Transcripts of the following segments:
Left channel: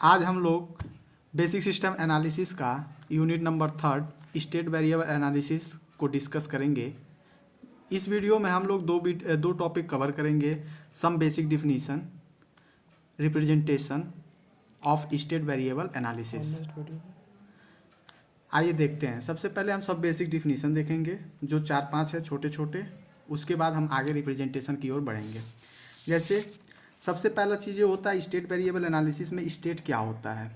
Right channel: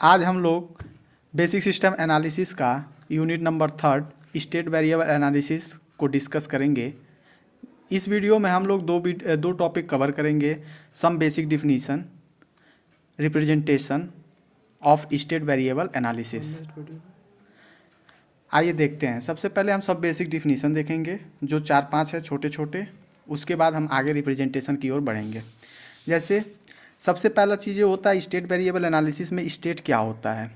आज हम लोग बेसिक सिस्टम एनालिसिस का unit number 3 state variable analysis को डिस्कस करेंगे। इस वीडियो में हम लोग दो टॉपिक कवर करेंगे। Some basic definition, representation of state variable analysis. आइए देखते हैं। सबसे पहले हम सब बेसिक डिफिनीशन देखेंगे जो 4-5 है छोटे छोटे। उसके बाद हम आगे रिप्रेजेंटेशन की ओर बढ़ेंगे। जैसे सबसे पहला चीज़ ये होता है स्टेट वेरिएबल एनालिसिस में स्टेट क्या होता है।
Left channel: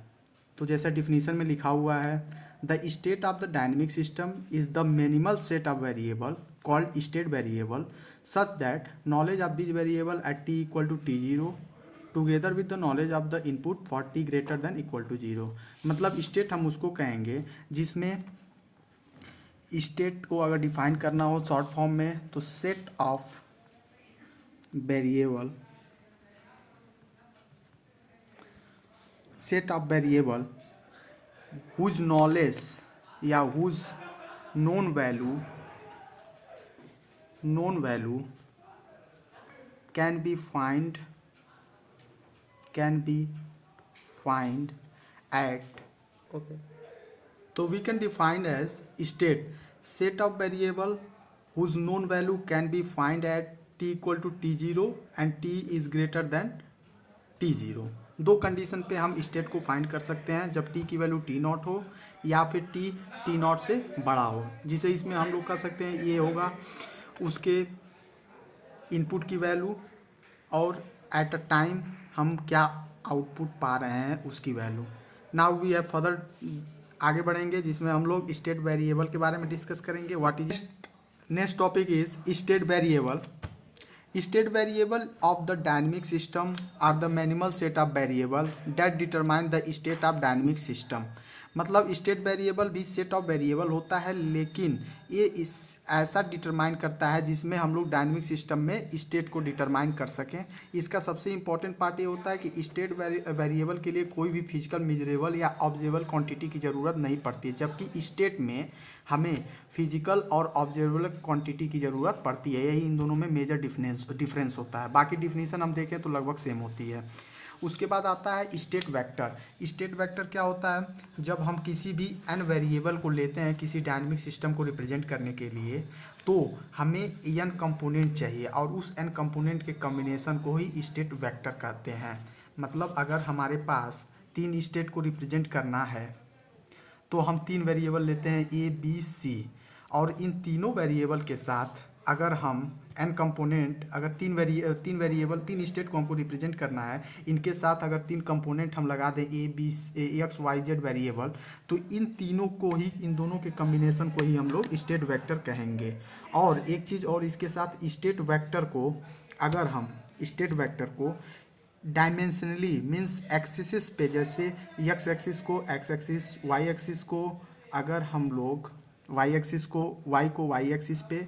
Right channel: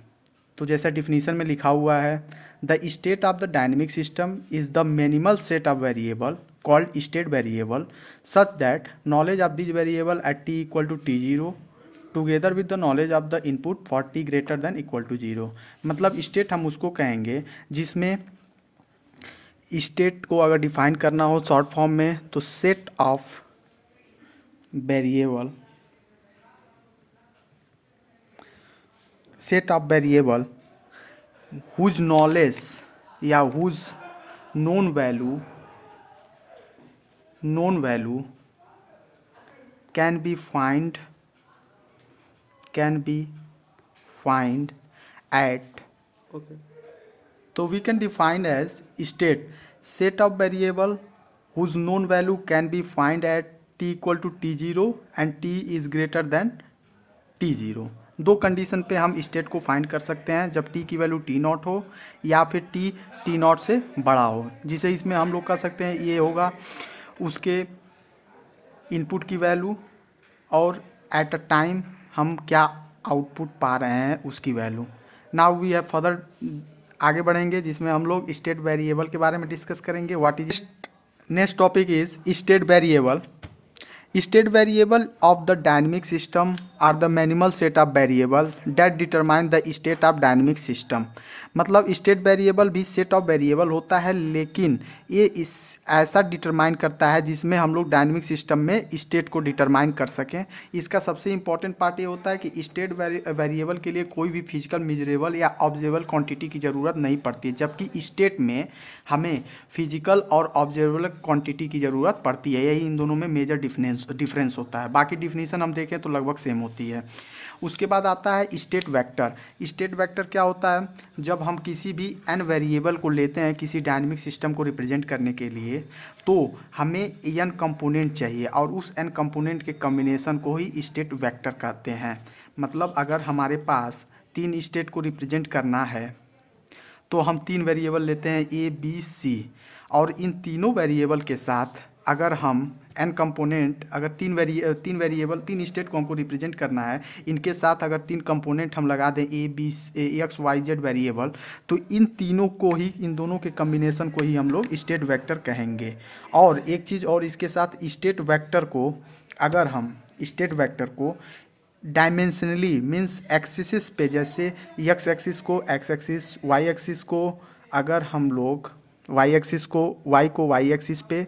तो जैसा डिफिनीशन में लिखा हुआ है, the state of the dynamic system is the minimal set of variable called state variable such that knowledge of this variable at T equal to T0 together with the knowledge of the input for t greater than equal to 0। मतलब state हम उसको कहेंगे जिसमें state को अगर define करना हो short form में तो set of variable whose knowledge या whose known value can be find at, तो we can define as state set of variable whose known value can be find at T equal to T0 and T is greater than T0। दो condition पे हम state को find कर सकते हैं, जब T की वैल्यू T0 हो या फिर टी T0 से बड़ा हो। जिसे इसमें हम लोग कह सकते हैं ये होगा उसके इनपुट की वैल्यू और एट अ टाइम हम क्या आउटपुट पा रहे हैं उसकी value. Now we have further आगे बढ़ेंगे जिसमें हम लोग स्टेट वेरिएबल के बारे में डिस्कस करेंगे। What is next topic is state variable. State variable of the dynamic system are the minimal set of variable that determine the state of dynamic system। मतलब स्टेट वेरिएबल भी set of variable होता है, लेकिन ये इस ऐसा determine करता है जिसमें हम लोग डायनेमिक सिस्टम में स्टेट को डिटरमाइन कर सकें। इसका सबसे इंपॉर्टेंट पार्ट ये होता है कि स्टेट वेरिएबल के लिए कोई भी फिजिकल मेजरेबल या ऑब्जर्वेबल क्वांटिटी की ज़रूरत नहीं पड़ती है, जबकि स्टेट में हमें फिजिकल और ऑब्जर्वेबल क्वांटिटी की ज़रूरत पड़ती है। यही इन दोनों में मेजर डिफरेंस होता है। बाकी डिफिनीशन हम देखें तो लगभग सेम होती है। उसके बाद आता है स्टेट वेक्टर। स्टेट वेक्टर क्या होता है? जब हम किसी भी n वेरिएबल को लेते हैं किसी डायनेमिक सिस्टम को रिप्रेजेंट करने के लिए, तो हमें n कंपोनेंट चाहिए और उस n कंपोनेंट के कॉम्बिनेशन को ही स्टेट वेक्टर कहते हैं। मतलब अगर हमारे पास 3 स्टेट को रिप्रेजेंट करना है तो हम 3 वेरिएबल लेते हैं A B C, और इन तीनों वेरिएबल के साथ अगर हम n कंपोनेंट, अगर 3 स्टेट को हमको रिप्रेजेंट करना है, इनके साथ अगर 3 कंपोनेंट हम लगा दें A B X Y Z variable, तो इन तीनों को ही, इन दोनों के कम्बिनेशन को ही हम लोग स्टेट वेक्टर कहेंगे। और एक चीज़ और इसके साथ, स्टेट वेक्टर को अगर हम स्टेट वेक्टर को डायमेंशनली मीन्स एक्सिस पे, जैसे एक्स एक्सिस को एक्स एक्सिस, वाई एक्सिस को अगर हम लोग वाई एक्सिस को वाई एक्सिस पे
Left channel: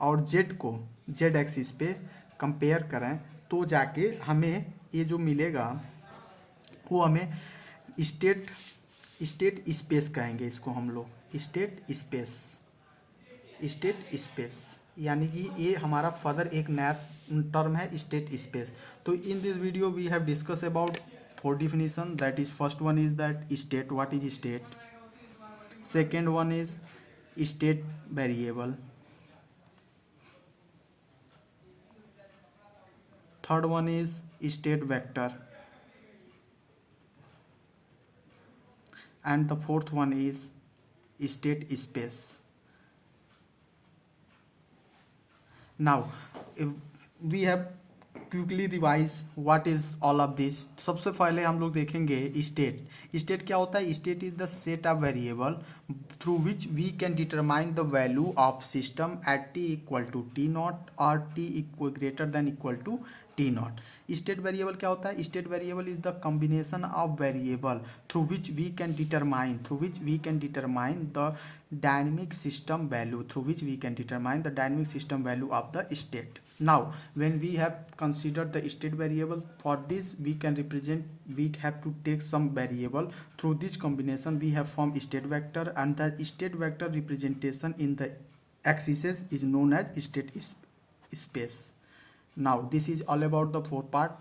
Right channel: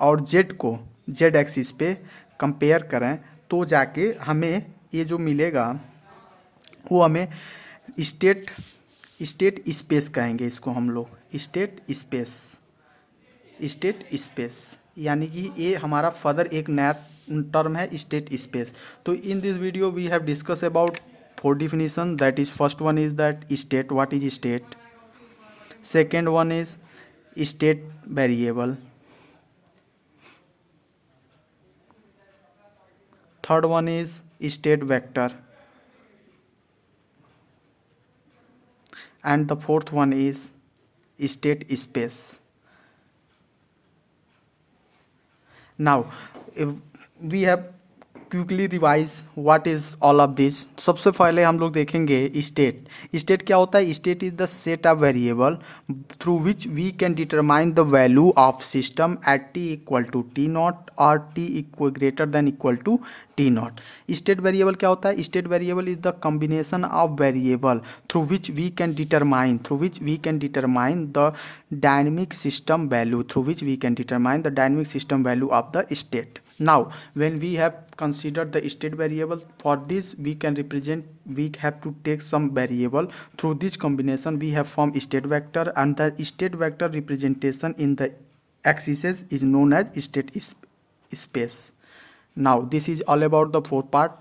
और जेड को जेड एक्सिस पे कंपेयर करें, तो जाके हमें ये जो मिलेगा वो हमें स्टेट स्पेस कहेंगे। इसको हम लोग स्टेट स्पेस, यानी कि ये हमारा फर्दर एक नया टर्म है स्टेट स्पेस। तो in this video we have discuss about 4 definition, that is first one is that state, what is state, second one is state variable, third one is state vector, and the fourth one is state space. Now if we have quickly revise what is all of this. सबसे पहले हम लोग देखेंगे state क्या होता है। State is the set of variable through which we can determine the value of system at T equal to T0 और t equal greater than equal to T0। State variable क्या होता है? State variable is the combination of variable through which we can determine the dynamic system value of the state. Now, when we have considered the state variable, for this we have to take some variable. Through this combination we have formed state vector, and the state vector representation in the axis is known as state space. Now this is all about the fourth part.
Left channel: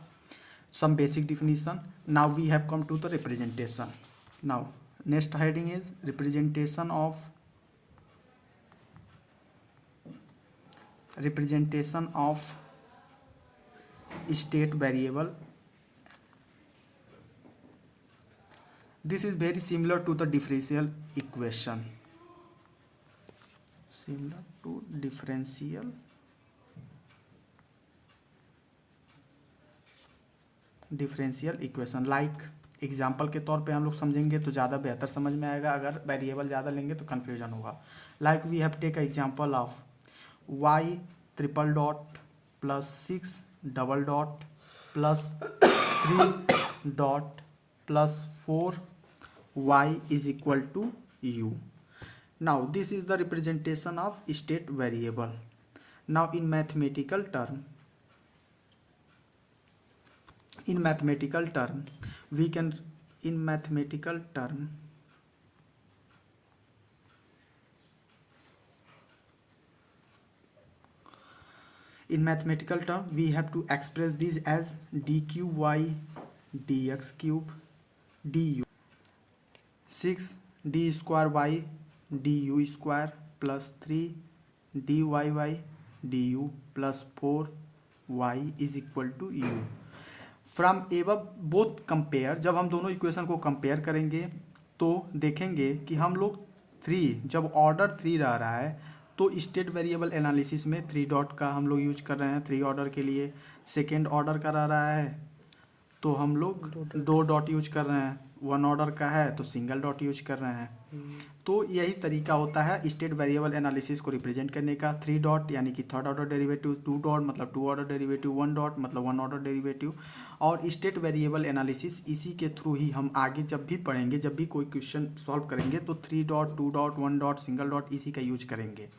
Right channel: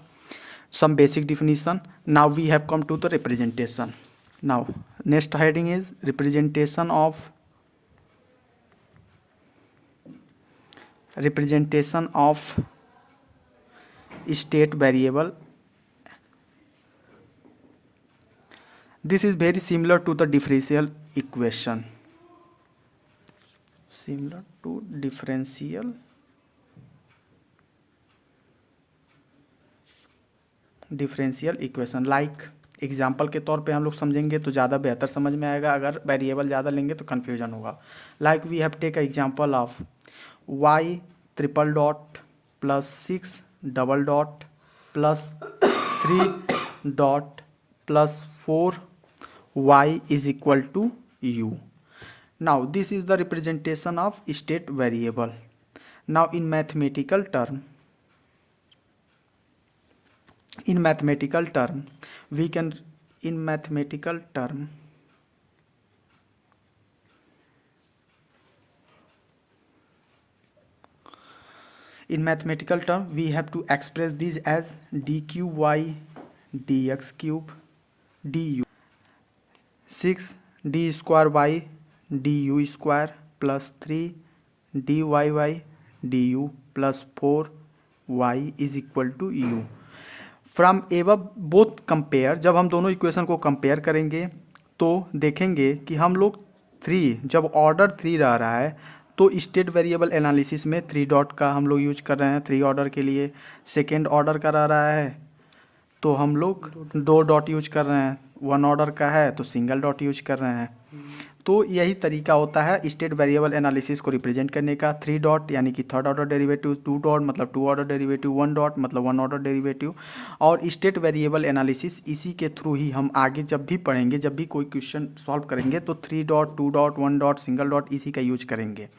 some basic definition. Now we have come to the representation. Now next heading is representation of state variable. This is very similar to the differential equation. Similar to differential equation. Like example के तौर पे हम लोग समझेंगे तो ज़्यादा बेहतर समझ में आएगा. अगर वेरिएबल ज़्यादा लेंगे तो कन्फ्यूजन होगा. Like we have take example of y triple dot plus 6 double dot plus 3 dot plus 4 y is equal to u. Now this is the representation of state variable. Now in mathematical term we can we have to express this as dqy dx cube du 6 d square y du square plus 3 dyy du plus 4 y is equal to u. From above both compare, जब हम दोनों equation को compare करेंगे तो देखेंगे कि हम लोग 3, जब ऑर्डर 3 रहा है तो स्टेट वेरिएबल एनालिसिस में 3 डॉट का हम लोग यूज कर रहे हैं 3 ऑर्डर के लिए. सेकेंड ऑर्डर का रहा है तो हम लोग 2 डॉट यूज कर रहे हैं. 1 ऑर्डर का है तो सिंगल डॉट यूज कर रहे हैं. तो यही तरीका होता है स्टेट वेरिएबल एनालिसिस को रिप्रेजेंट करने का. 3 डॉट यानी कि थर्ड ऑर्डर डेरिवेटिव, 2 डॉट मतलब 2 ऑर्डर डेरिवेटिव, 1 डॉट मतलब 1 ऑर्डर डेरिवेटिव. और स्टेट वेरिएबल एनालिसिस इसी के थ्रू ही हम आगे जब भी पढ़ेंगे, जब भी कोई क्वेश्चन सॉल्व करेंगे तो 3 dot 2 dot 1 dot single dot इसी का यूज करेंगे.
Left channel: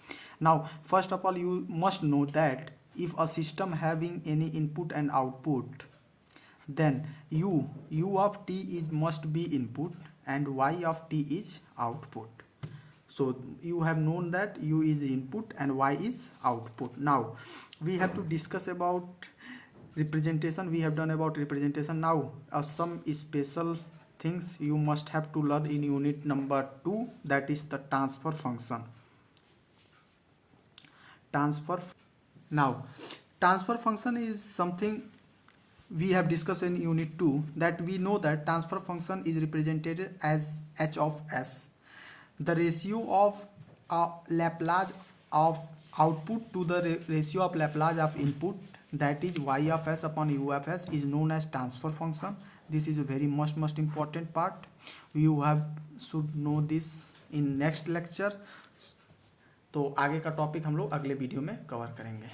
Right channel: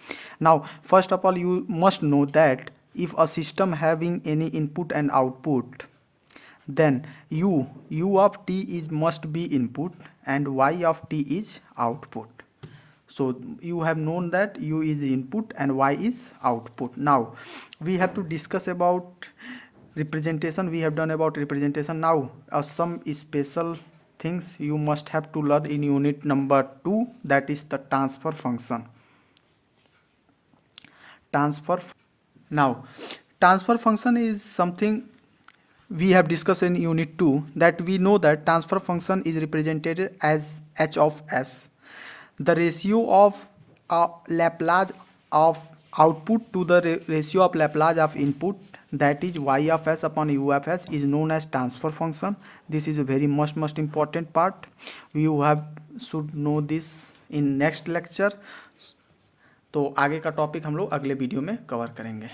Now first of all you must know that if a system having any input and output, then u of t is must be input and y of t is output. So you have known that u is input and y is output. Now we have to discuss about representation. We have done about representation. Now some special things you must have to learn in unit number 2, that is the transfer function. Now transfer function is something we have discussed in unit 2, that we know that transfer function is represented as h of s, the ratio of Laplace of output to the ratio of Laplace of input, that is y of s upon u of s, is known as transfer function. This is a very most important part. You should know this in next lecture. तो आगे का topic हम लोग अगले video में cover करेंगे.